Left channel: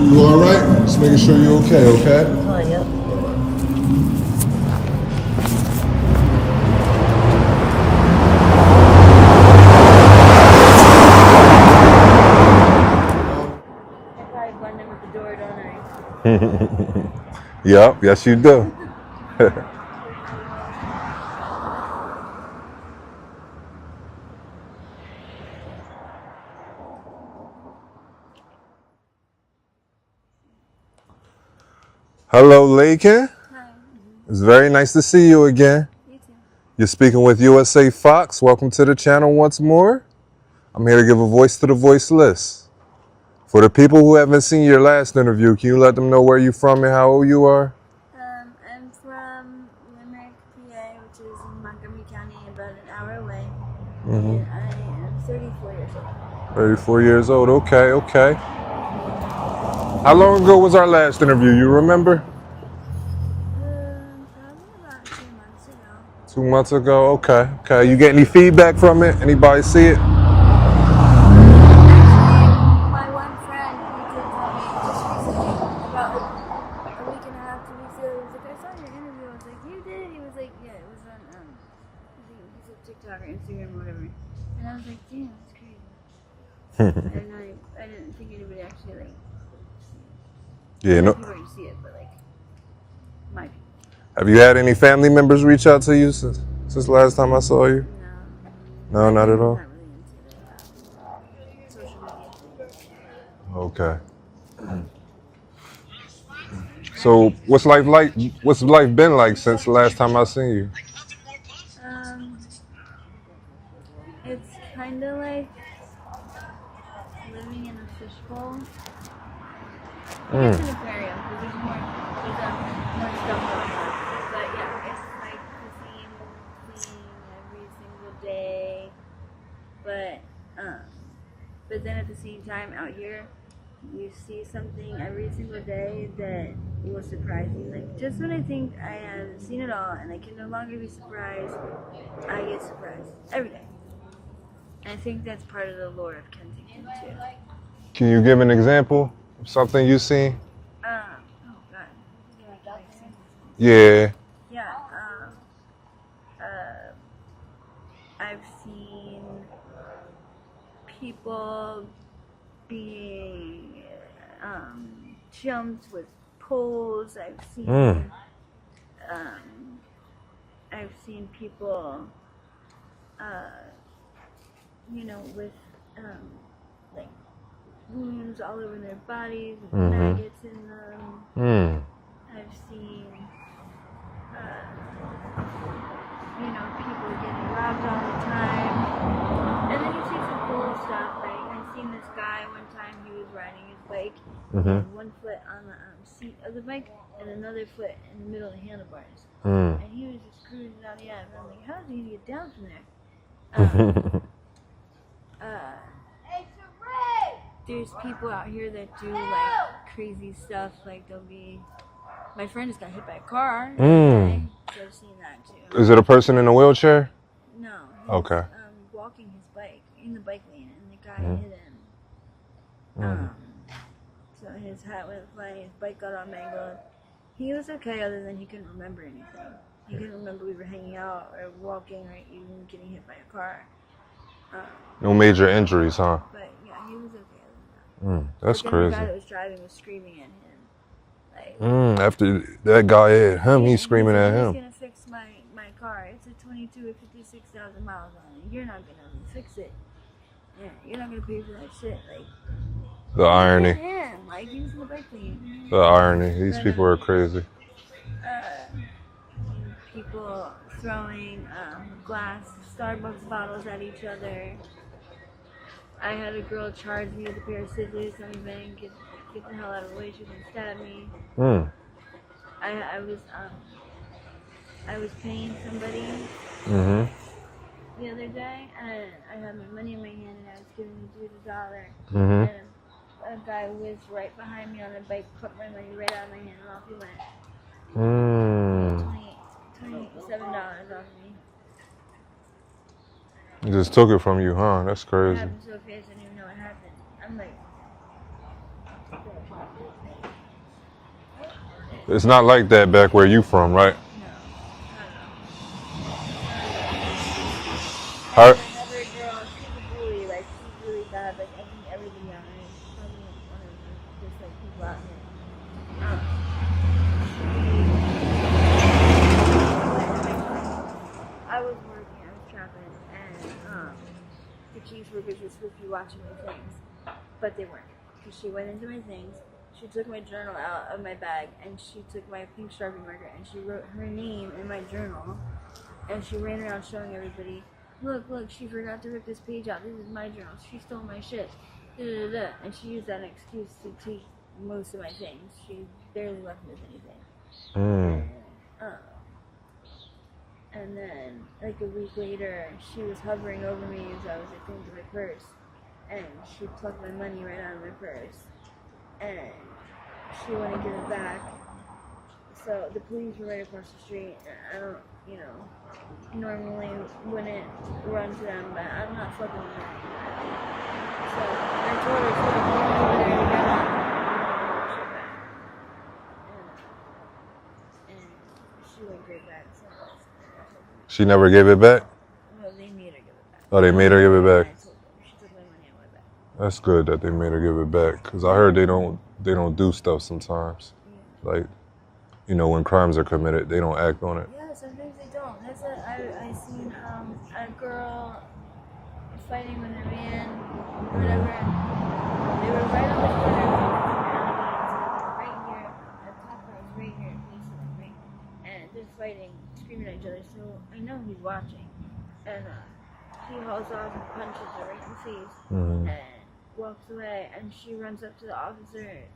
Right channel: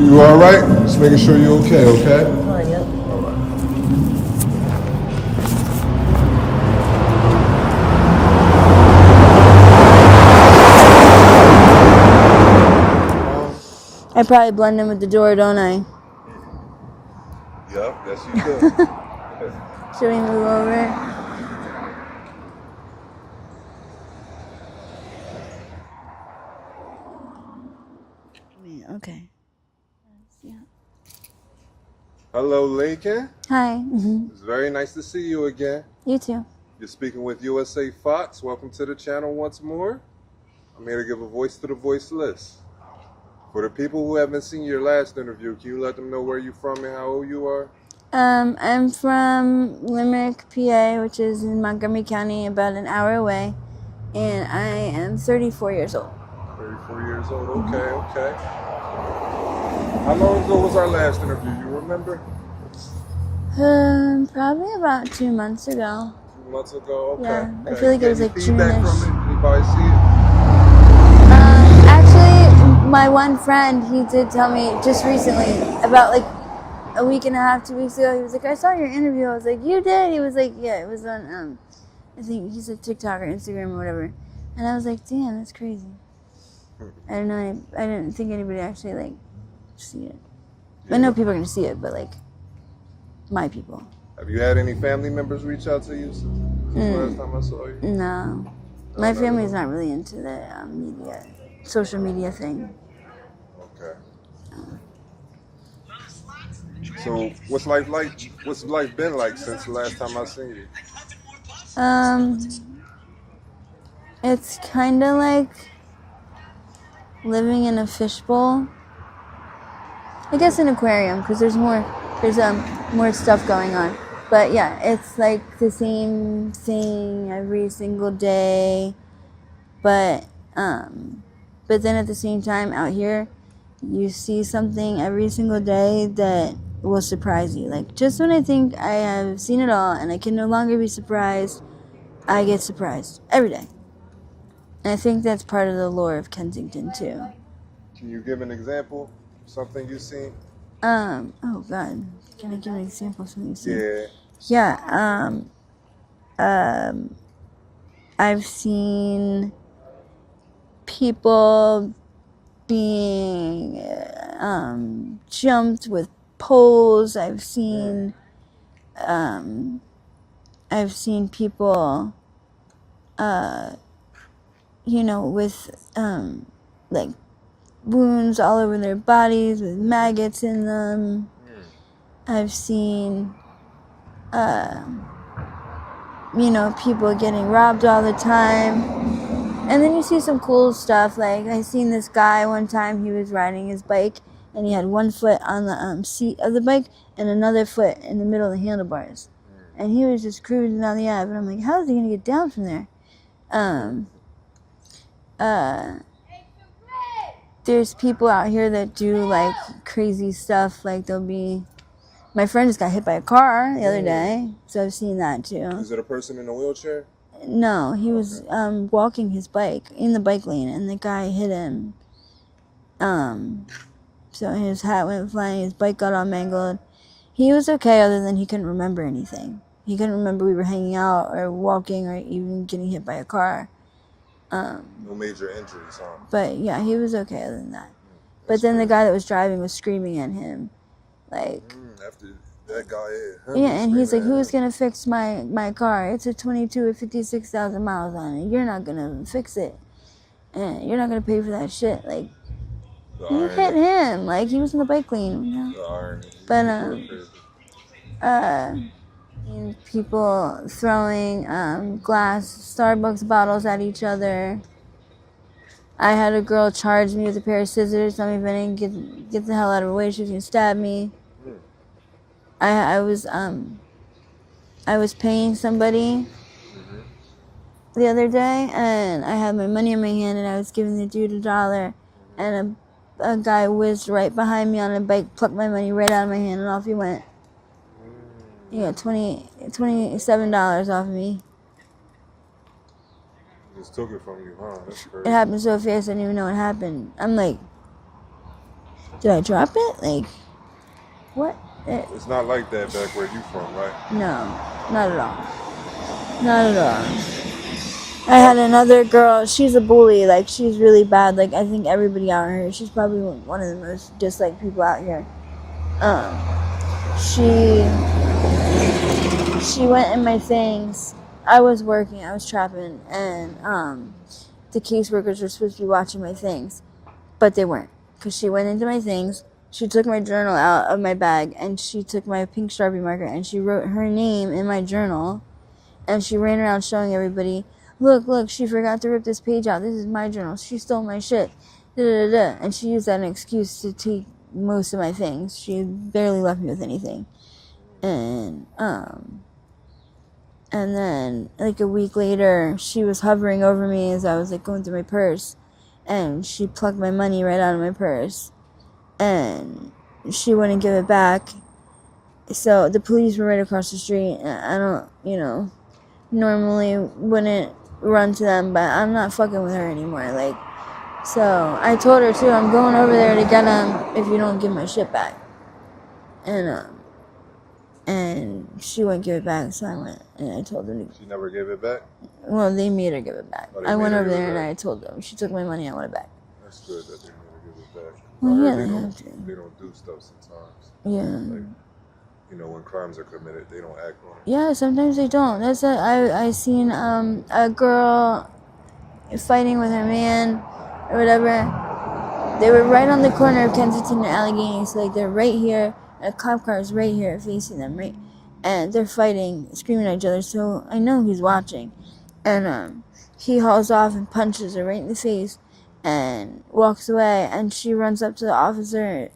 You all right? Just making sure you're okay, okay? Oh, yep. I probably blend in with the door, don't I? Yep, yes you do. Should we move over? Okay. Yeah. Hello, Laekin. Hi. It's very nice to see you again. You too. You're speaking with USA Fox. Welcome to the channel once more. I'm here to give a voice to the voiceless. For the people who haven't seen your last interview, can you let them know where you're from and how old you are? I'm from Limerick, PA, which is in Montgomery County, about an hour away, and I am 34 years old. 34 years old. Okay, okay. How long ago was our last interview? You remember? Probably about 2 months ago. 2 months ago. Okay, Yeah, I okay. feel You like get it any was like feedback June-ish. from it? Anybody see it? Actually, my one friend, he did tell me just recently, about like a week and a half, 2 weeks ago, he was like, I saw your interview. I was like, you did? He was like, yeah, it was on, I think he said TikTok or Instagram or whatever. And I was like, damn, that's crazy. I don't know, I didn't think anybody actually like see it. Yeah. I know No. people are gonna see it, but like my people. Have you had any family members reach out to you since last time I saw you? No. No, My not at family's all. not really into the social media thing. Okay. So what's life like? What's life been like since the last time I seen you? It's kind of like living in a fishbowl. I guess an aquarium, because there's more stuff going on. But yeah, it's like the same thing every single day. But then at the same time, out here, you see something every single day that will surprise you. Like, just when I think I have seen it all and I can no longer be surprised, I get surprised every day. And I think that's part of the lore of Kensington too. Can you give an example of something you seen? Oh God, can I give an example of something? Yeah. Yeah. I've seen people being jumped with poles. I've seen people with like wounds all over their bodies with maggots in them. I've seen people getting robbed all the time. And then you see some cool stuff. Like, I seen this guy one time, he was riding his bike, and he had one foot on the seat of the bike and another foot in the middle of the handlebars. And he was just cruising down the Ave, and I'm like, how is he going to get down from there? There's people out here that do, like, crazy stuff. Like, my friend just got hit by a car the other day, so I've seen that, too. Is it a person in a wheelchair? No, he was Okay. walking his bike in the bike lane, and the guy hit him. So his hat went flying, his bike got all mangled. He was okay, other than he couldn't remember anything. He couldn't remember we were hanging out or walking or even getting hit by a car. No major injuries, huh? But yeah, he was okay other than that. That's But then crazy. the guy that was driving was screaming at him. Like, after that guy hit him, he's screaming at him. Who's gonna fix my car? It's a 22 with 56,000 miles on it. You're not gonna fix it, and you're not gonna pay for that shit. Like, The who irony. hit him? Like, he was in the bike lane. You know? The irony. These people are crazy. People throwing glass Starbucks bottles at each other. I had a girl charge me with a pair of scissors, tell me if I didn't get the hell out of her way, she was gonna stab me. I was paying somebody the other day, and I had my money in my hand, and I was giving the dude $1, and a guy whizzed right behind me on a bike, plucked my money right out of my hand, and off he went. He got $27 off of me. He just took it from you, huh? That's crazy. It happened so fast I didn't even know what happened. I'm like, Did I drop it? Like, what? It's not like that back where you from, right? No, not at all. Not at all. I had another girl. She's a bully. Like, she's really bad. Like, I think everybody out here. She's probably one of the most disliked people out here. She went in my things. I was working. I was trapping, and the caseworkers were supposed to be watching my things, but they weren't, because she went into my things. She took my journal out of my bag, and she took my pink Sharpie marker, and she wrote her name in my journal, and she ran around showing everybody, look, she forgot to rip this page out. This is my journal. She stole my shit. Da-da-da-da. And she used that as an excuse to take most of my things. She barely left me with anything. And then, like, a week later, she was hovering over me as I was, like, going through my purse, and she plucked my money right out of my purse, and she wouldn't give it back. So the police were right across the street, and I don't, normally wouldn't run to them, but I'm not fucking with her anymore. Like, so I told her, too, I'm going over there to get them if you don't give my shit back. And she wouldn't give it back, so I went and I told them. She never gave it back? Well, they made her give it back. Oh, they made her give it back. I told them. She took my money, I want it back. That's good that they made her give it back, because I heard they don't do stuff sometimes. Yeah. Like, when crimes are committed, they don't act on it. Yeah, sometimes they don't. I seen a girl fighting with her man or whatever. They were right on the corner of Kensington and Allegheny, so like they're right here. A cop car is right here facing them, right? And they're fighting, screaming at each other, so I know he's watching. And he hauls off and punches her right in the face and walks away. And she runs up to the officer,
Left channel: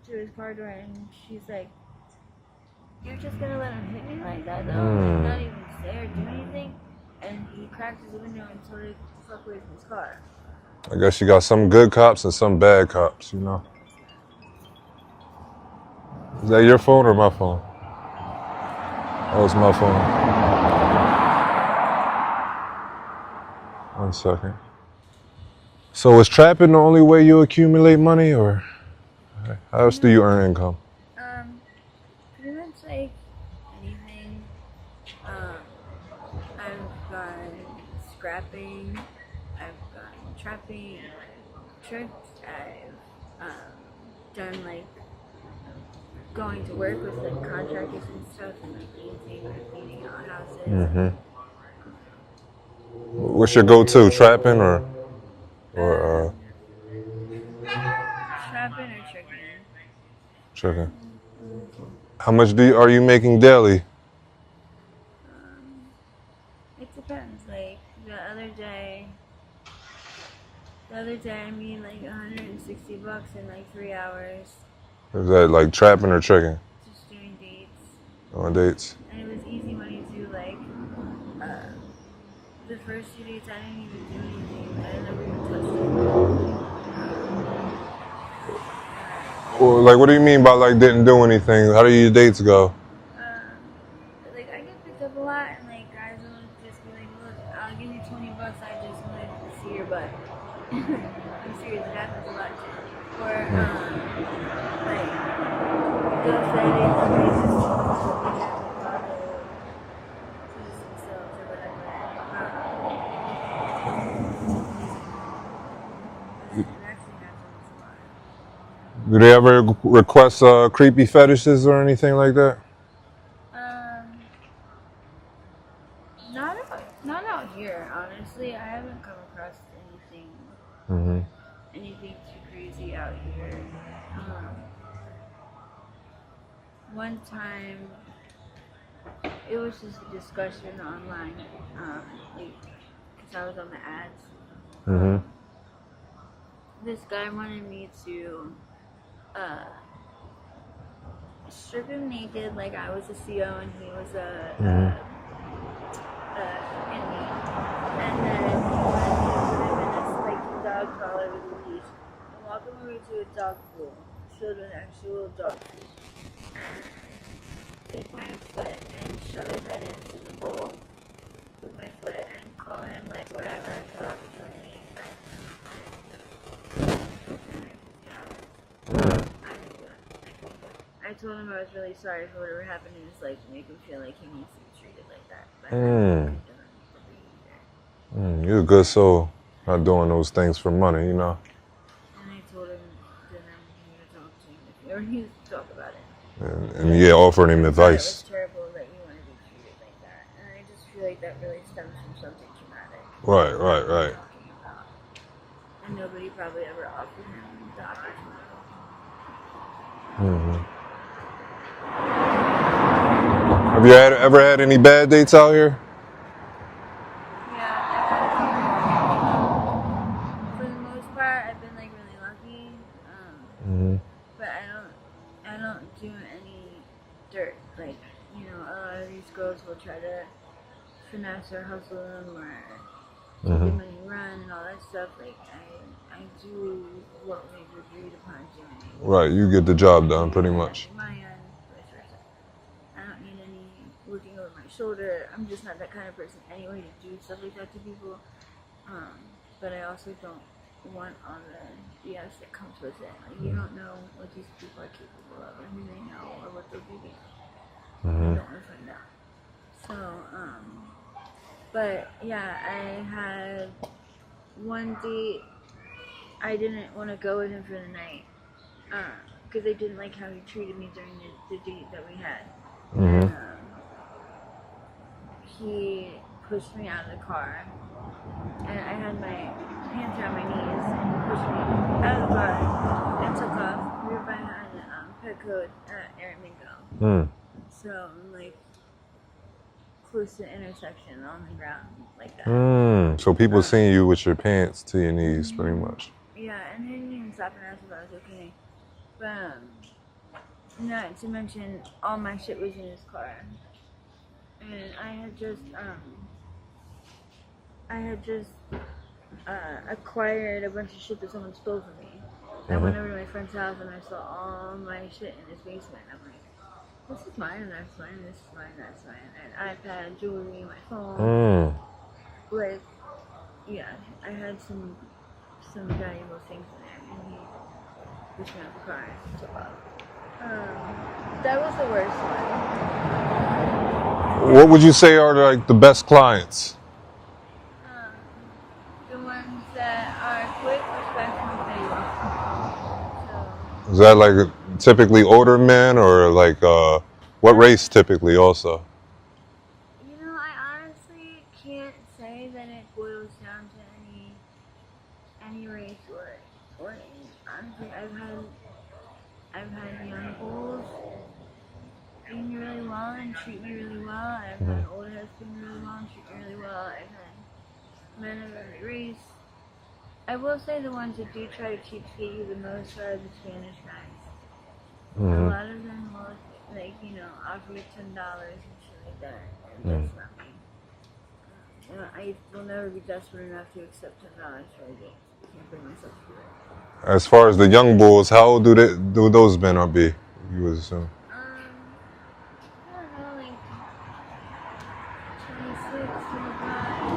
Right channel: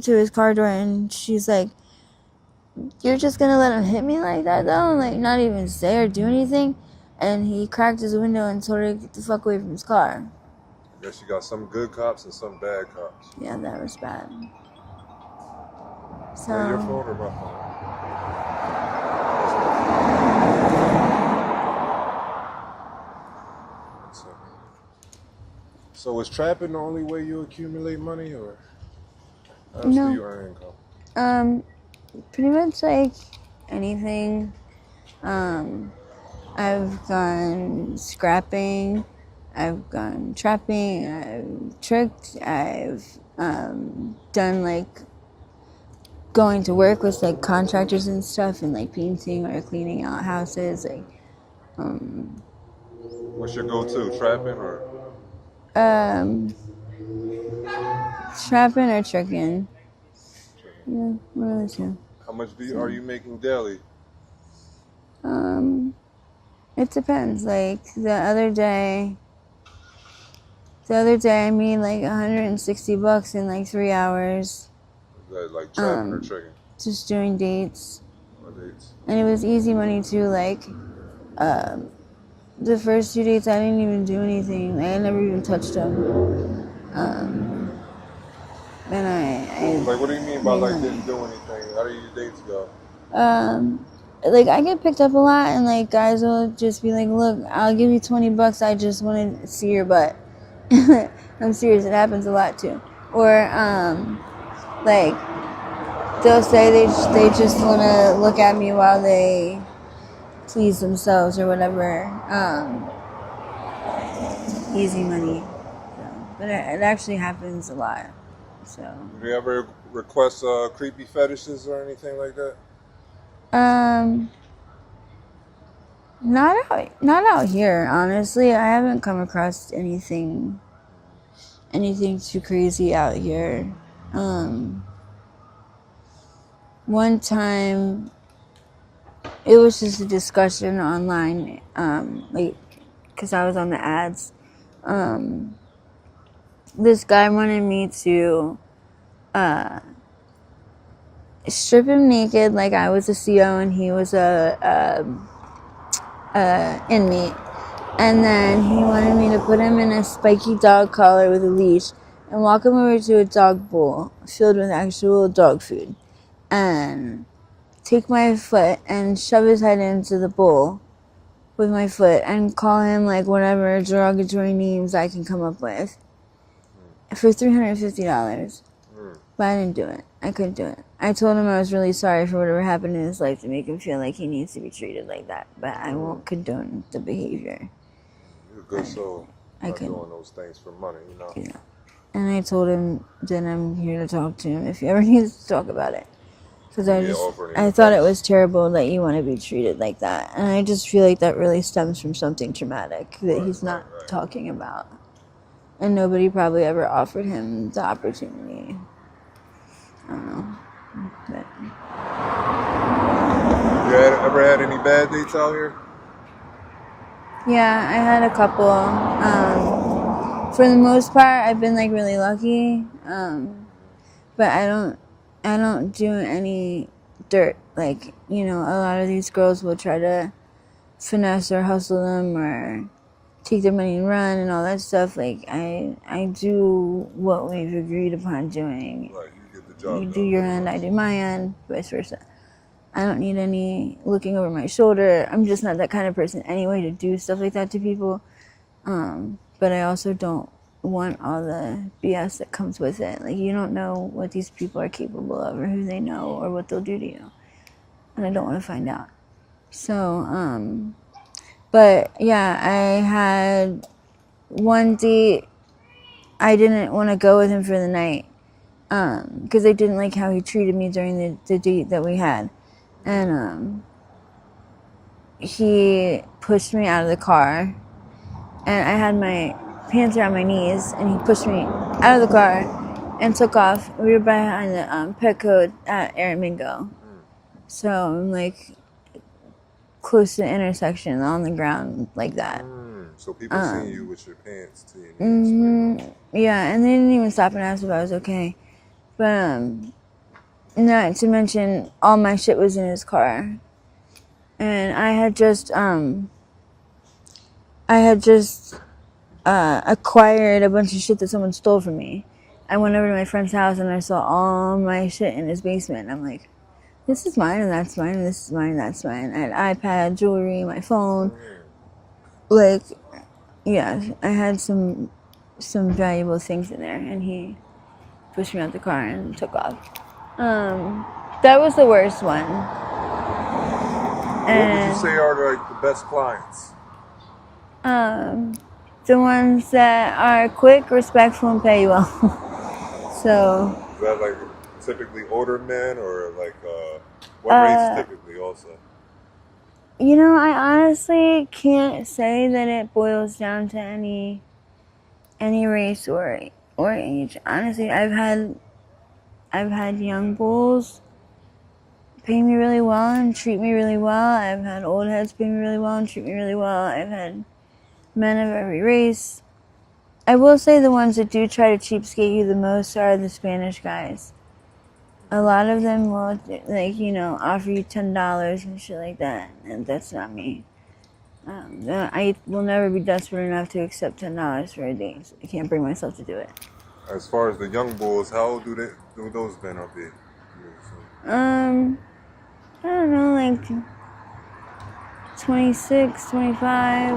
to his car door, and she's like, you're just gonna let him hit me like that, though? Like, not even say or do anything? And he cracked his window and told her to get the fuck away from his car. I guess you got some good cops and some bad cops, you know? Yeah, that was bad. Is that your phone or my phone? Oh, it's my phone. 1 second. So is trapping the only way you accumulate money, or how else do you earn income? Pretty much like anything. I've gone scrapping, I've gone trapping, I've tricked, I've done like going to work with like contractors and stuff and like painting or cleaning out houses. What's your go-to, trapping or trapping or tricking? Tricking. Yeah, one of the two. How much are you making daily? It depends. Like the other day I made like $160 in like 3 hours. Is that like trapping or tricking? Just doing dates. On dates. And it was easy money too. Like the first 2 dates, I didn't even do anything. I never even touched them. Well, like, what do you mean by like didn't do anything? How do your dates go? Like I get picked up a lot, and like guys will just be like, "Look, I'll give you $20. I just want to see your butt." I'm serious. It happens a lot too. Or like they'll say they just want to look at me while they please themselves or whatever. Easy money. So, but it actually happens a lot. So. Do they ever request creepy fetishes or anything like that? Not out here, honestly. I haven't come across anything too crazy out here. One time, it was just a discussion online, like, because I was on the ads. This guy wanted me to strip him naked like I was a CO and he was a inmate. And then he wanted me to put him in a spiky dog collar with a leash and walk him over to a dog bowl filled with actual dog food. And take my foot and shove his head into the bowl with my foot and call him like whatever derogatory names I can come up with for $350. But I didn't do it. I couldn't do it. I told him I was really sorry for whatever happened in his life to make him feel like he needs to be treated like that. But I won't condone the behavior. You're a good soul. I Not couldn't. doing those things for money, you know. Yeah. And I told him that I'm here to talk to him if he ever needs to talk about it. And you offering him I advice. thought it was terrible that you want to be treated like that. And I just feel like that really stems from something traumatic that he's not talking about. And nobody probably ever offered him the opportunity. Have you ever had any bad dates out here? Yeah, I had a couple. For the most part, I've been like really lucky. But I don't do any dirt. Like, you know, a lot of these girls will try to finesse or hustle them or take their money and run and all that stuff. Like, I do what we've agreed upon doing. Right, you get the job done pretty much. I do my end, vice versa. I don't need any looking over my shoulder. I'm just not that kind of person anyway to do stuff like that to people. But I also don't want all the BS that comes with it. Like, you don't know what these people are capable of or who they know or what they'll do to you. And I don't want to find out. So, but yeah, I had one date. I didn't want to go with him for the night because I didn't like how he treated me during the date that we had. And he pushed me out of the car, and I had my hands around my knees, and he pushed me out of the car and took off. We were behind the Petco at Aramingo. So I'm like close to the intersection on the ground like that. So people seeing you with your pants to your knees pretty much. Yeah, and they didn't even stop and ask if I was okay. But not to mention all my shit was in his car. And I had just acquired a bunch of shit that someone stole from me. I went over to my friend's house and I saw all my shit in his basement. I'm like, this is mine and that's mine and this is mine and that's mine. I had iPad, jewelry, my phone. Like, yeah, I had some valuable things in there, and he pushed me out the car and took off. That was the worst one. What would you say are like the best clients? The ones that are quick, respectful, and pay you well. So. Is that like typically older men or like what race typically also? You know, I honestly can't say that it boils down to any race or age. Honestly, I've had young bulls pay me really well and treat me really well. I've had old heads pay me really well and treat me really well. I've had men of every race. I will say the ones that do try to cheapskate you the most are the Spanish guys. A lot of them will, like, you know, offer you $10 and shit like that, and that's not me. I will never be desperate enough to accept $10 for a date. I can't bring myself to do it. As far as the young bulls, how old do those men be? You would assume. I don't know, like 26, 25.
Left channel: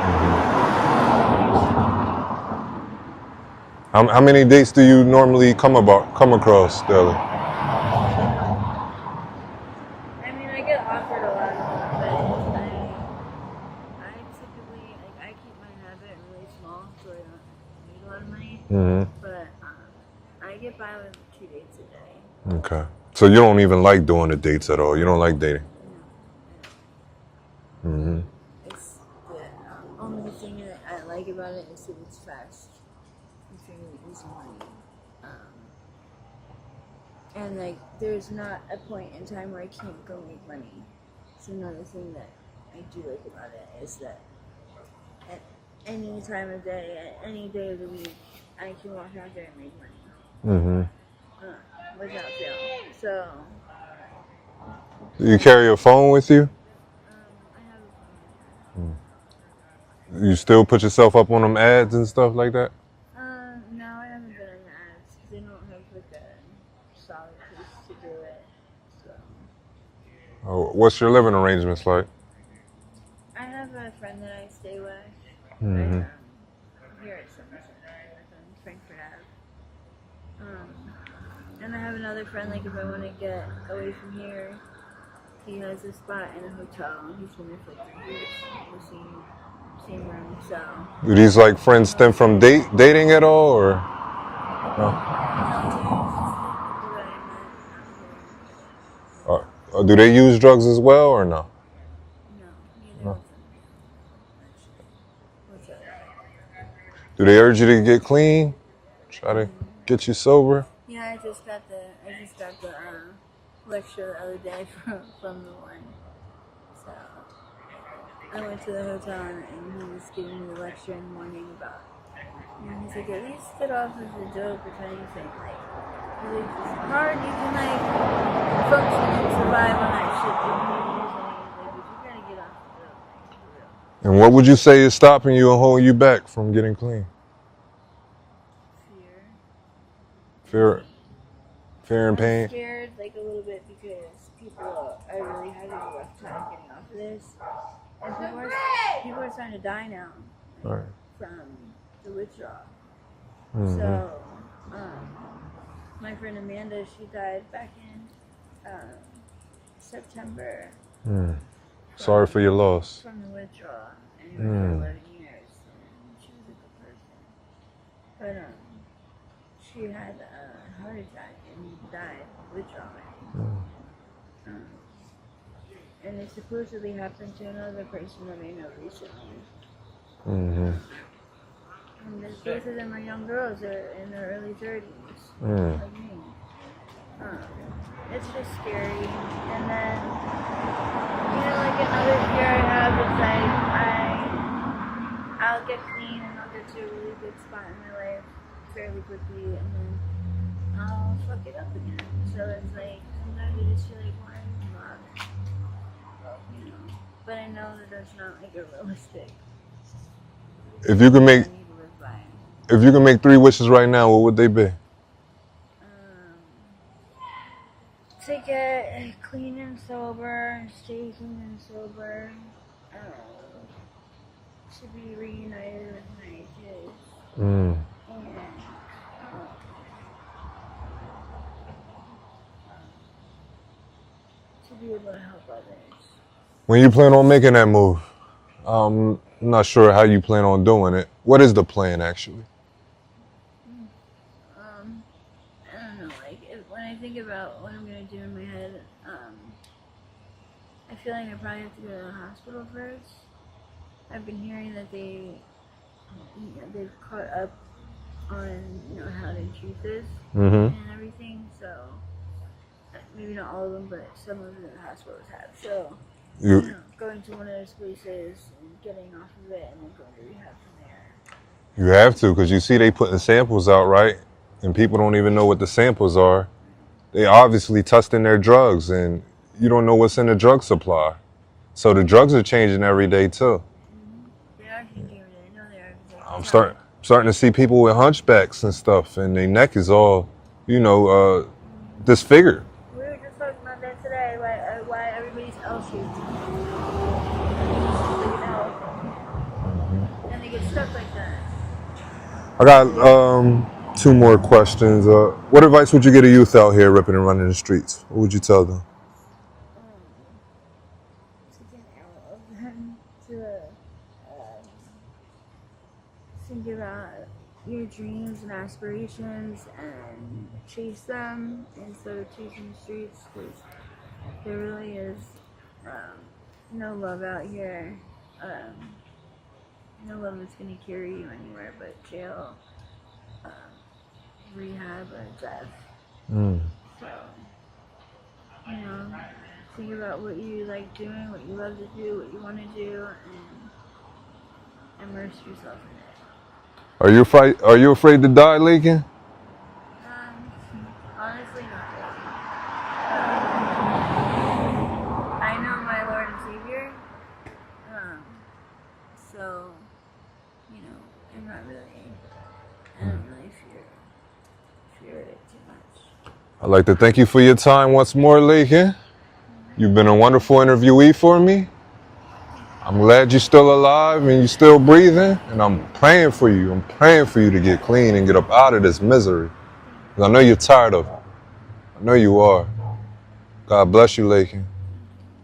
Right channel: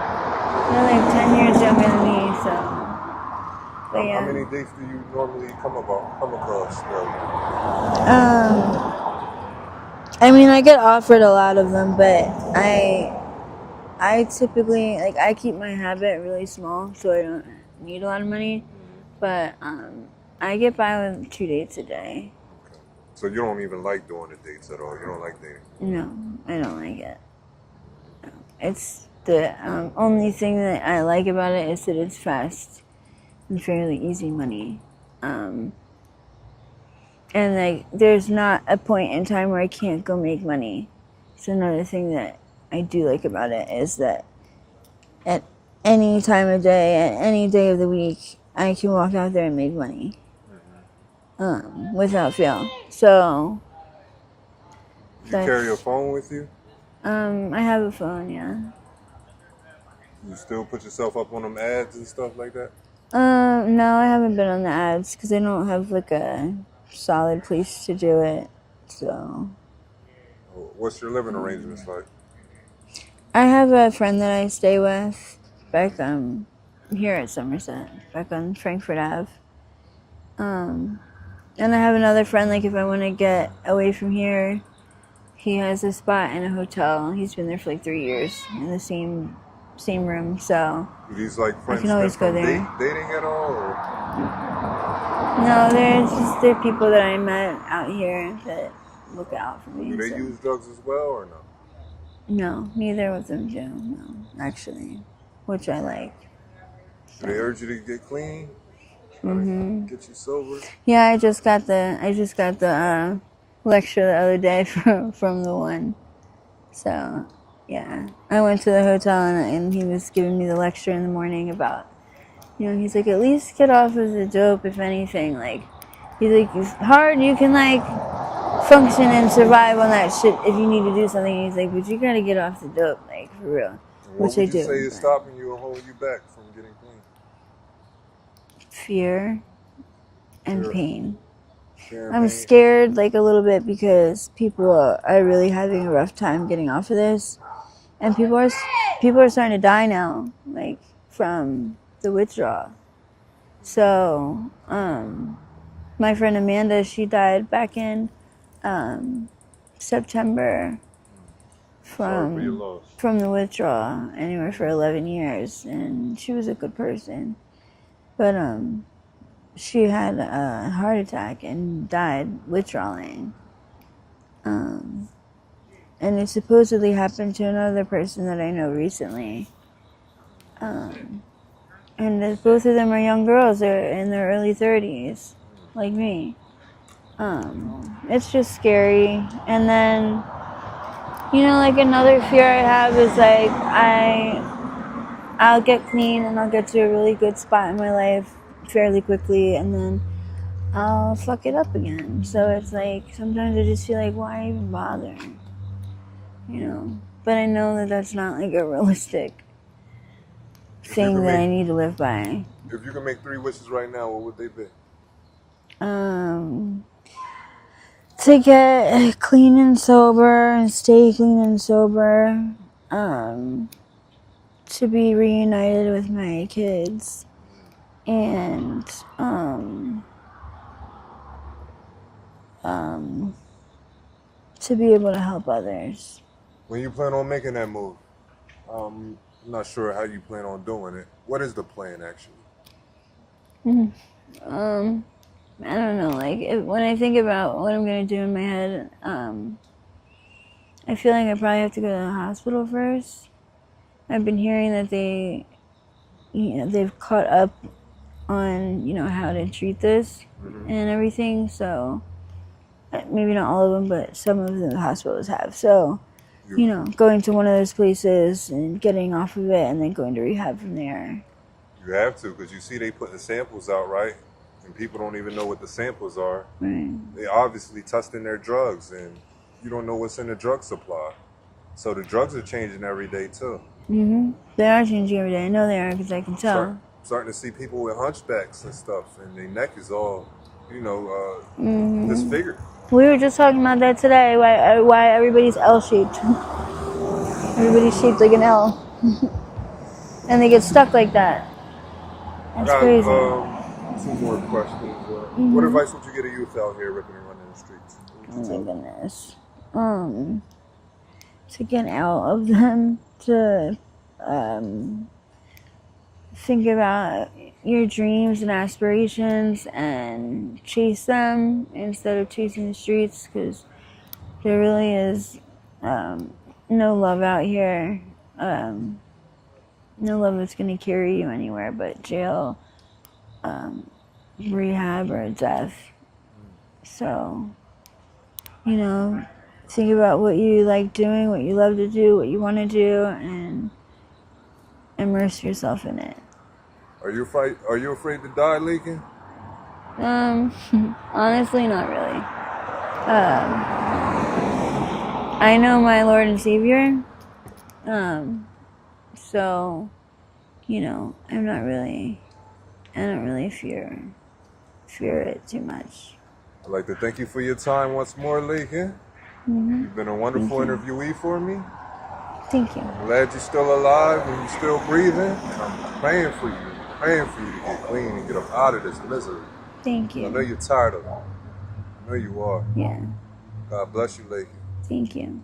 They're like 10 years younger than me, so. How many dates do you normally come across daily? I mean, I get offered a lot of them, but I typically, like, I keep my habit really small, so I don't need a lot of money. But I get by with 2 dates a day. Okay. So you don't even like doing the dates at all? You don't like dating? No, I don't like it. It's the only thing that I like about it is that it's fast and fairly easy money. And like, there's not a point in time where I can't go make money. So another thing that I do like about it is that at any time of day, at any day of the week, I can walk out there and make money. Without fail. So. You carry a phone with you? I have a phone, yeah. You still put yourself up on them ads and stuff like that? No, I haven't been on the ads because I don't have like a solid place to do it, so. What's your living arrangements like? I have a friend that I stay with back here at Somerset, back on Frankfurt Ave. And I have another friend, like, if I want to get away from here, he has a spot in a hotel. He's been there for like 3 years in the same room, so. Do these like friends can stem always go from there. dating at all, or? No, they're people that I met out here that look out for me. Do they use drugs as well, or no? No, neither of them do. No, actually, which I like. Do they urge you to get clean? Try to get you sober? Yeah, I just got the lecture the other day from the one. So, yeah, I went to the hotel and he was giving me the lecture in the morning about, he's like, at least get off of the dope, if anything. Like, he's like, it's hard, you can like function and survive on that shit if you need to do something. He's like, but you gotta get off the dope, like, for real. And what would you say is stopping you and holding you back from getting clean? Fear and pain. Fear and pain. I'm scared, like, a little bit because people are really having a rough time getting off of this, and people are starting to die now, like from the withdrawal. So, my friend Amanda, she died back in September. Sorry for your loss. From the withdrawal, anywhere for 11 years, and she was a good person, but she had a heart attack and died withdrawing. And it supposedly happened to another person that I know recently. And both of them are young girls. They're in their early 30s, like me. It's just scary. And then, like, another fear I have is like I'll get clean and I'll get to a really good spot in my life fairly quickly, and then I'll fuck it up again. So it's like sometimes I just feel like, why even bother? But I know that that's not like a realistic thing that I need to live by. If you can make 3 wishes right now, what would they be? To get clean and sober and stay clean and sober. To be reunited with my kids. And to be able to help others. When you plan on making that move, I'm not sure how you plan on doing it. What is the plan, actually? I don't know. Like, when I think about what I'm gonna do in my head, I feel like I probably have to go to the hospital first. I've been hearing that they've caught up on how to treat this and everything. So maybe not all of them, but some of the hospitals have. So going to one of those places and getting off of it, and then going to rehab from there. You have to, because you see they putting samples out, right? And people don't even know what the samples are. Right. They obviously testing their drugs, and you don't know what's in the drug supply. So the drugs are changing every day too. They are changing every day. I know they are, because I can tell. Starting to see people with hunchbacks and stuff, and their neck is all, disfigured. We were just talking about that today. Why everybody's L-shaped. Everybody's shaped like an L, and they get stuck like that. I got 2 more questions. What advice would you give a youth out here ripping and running the streets? What would you tell them? To get out of them, to think about your dreams and aspirations and chase them instead of chasing the streets, because there really is no love out here. No love that's going to carry you anywhere but jail, rehab, or death. So, think about what you like doing, what you love to do, what you want to do, and immerse yourself in it. Are you afraid to die, Laekin? Honestly, not really. I know my Lord and Savior, so, I don't really fear it too much. I'd like to thank you for your time once more, Laekin. You've been a wonderful interviewee for me. Thank you. I'm glad you're still alive and you're still breathing, and I'm praying for you. I'm praying for you to get clean and get up out of this misery. Thank 'Cause you. I know you're tired of it. I know you are. Yeah. God bless you, Laekin. Thank you.